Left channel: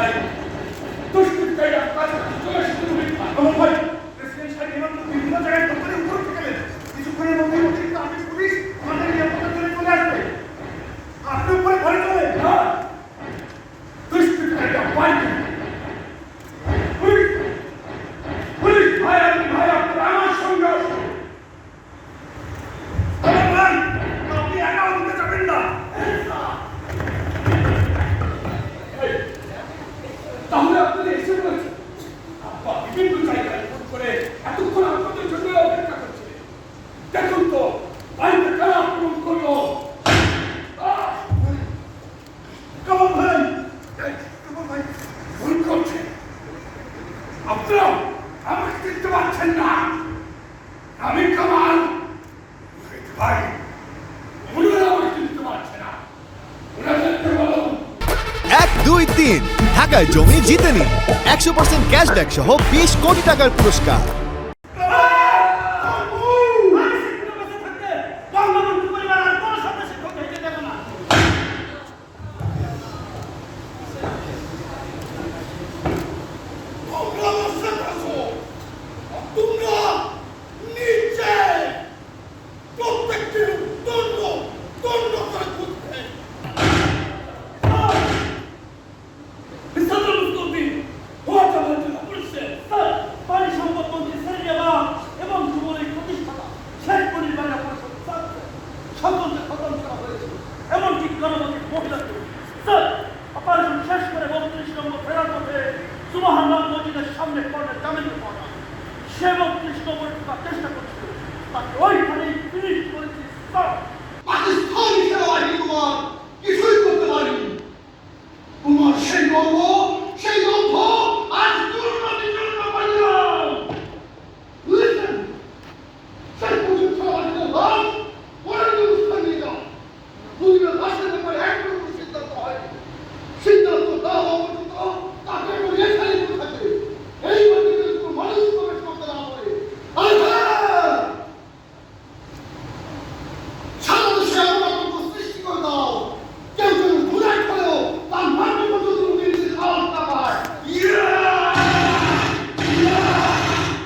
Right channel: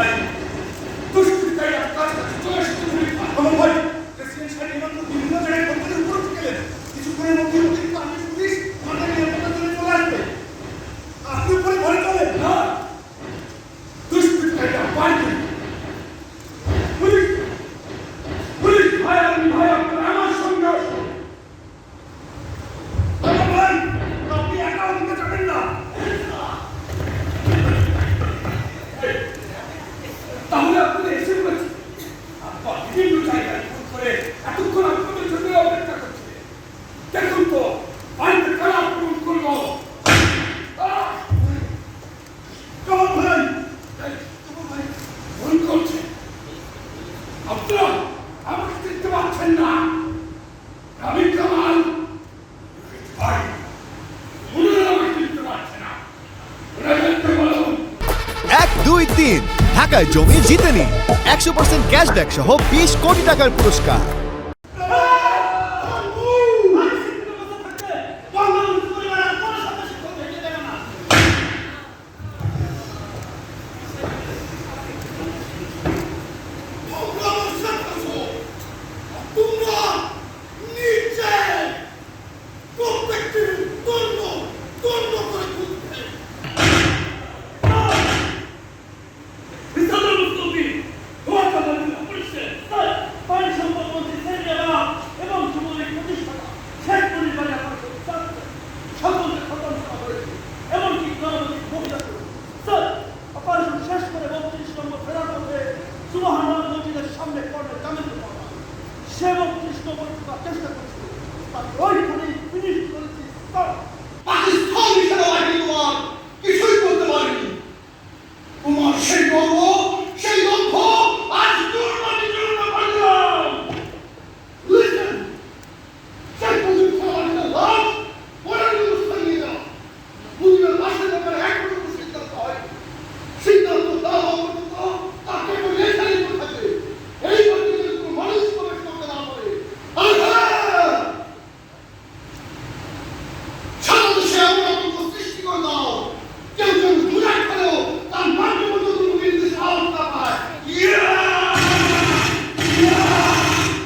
ভাই দুষ্কৃতিকারী আপনার কাছে চলে এসেছে আমার ভাই প্রেসিডেন্ট সাহেব এমাত্র বিভিন্ন জায়গায় কোম্পানি উপর উঠে গেলেন কিছুক্ষণের মধ্যে অতিরিক্ত আর্মি পুলিশ আমাদের নিরাপত্তার জন্য চলে আসবে আপনি উপরে ঘরে চলেন না দুষ্কৃতিকারী আপনার পুলিশ পুলিশ ভাই আপনি ভাই আপনার আমার সঙ্গে আসুন ভাই আপনি একা ওদিকে যাবেন না তাহলে আপনাদের এসে বলেছে আপনার বিভিন্ন জায়গায় ফোন করে এতক্ষণ আপনাদের জন্য অপেক্ষা করছে দেখুন তো বাড়িতে কারা আক্রমণ করলো কামাল ভাই ফোন করছে আপনারা আমাকে দেখতে পাচ্ছেন না আমি কামাল ভাই ওনারা আমাকে দেখতে পাচ্ছে না ওরা দেখতে বলুন 1, 2, 3 ঢাকায় জমি জিতে নিন 100% ক্যাশব্যাক সহ 20 কোটি টাকার পুরস্কার। সামনে পড়ে জামিনে পড়া সে ৩২ নম্বরে ঢোকার চেষ্টা করছিল তাকে ওইখানেই ফিনিশ করেছি।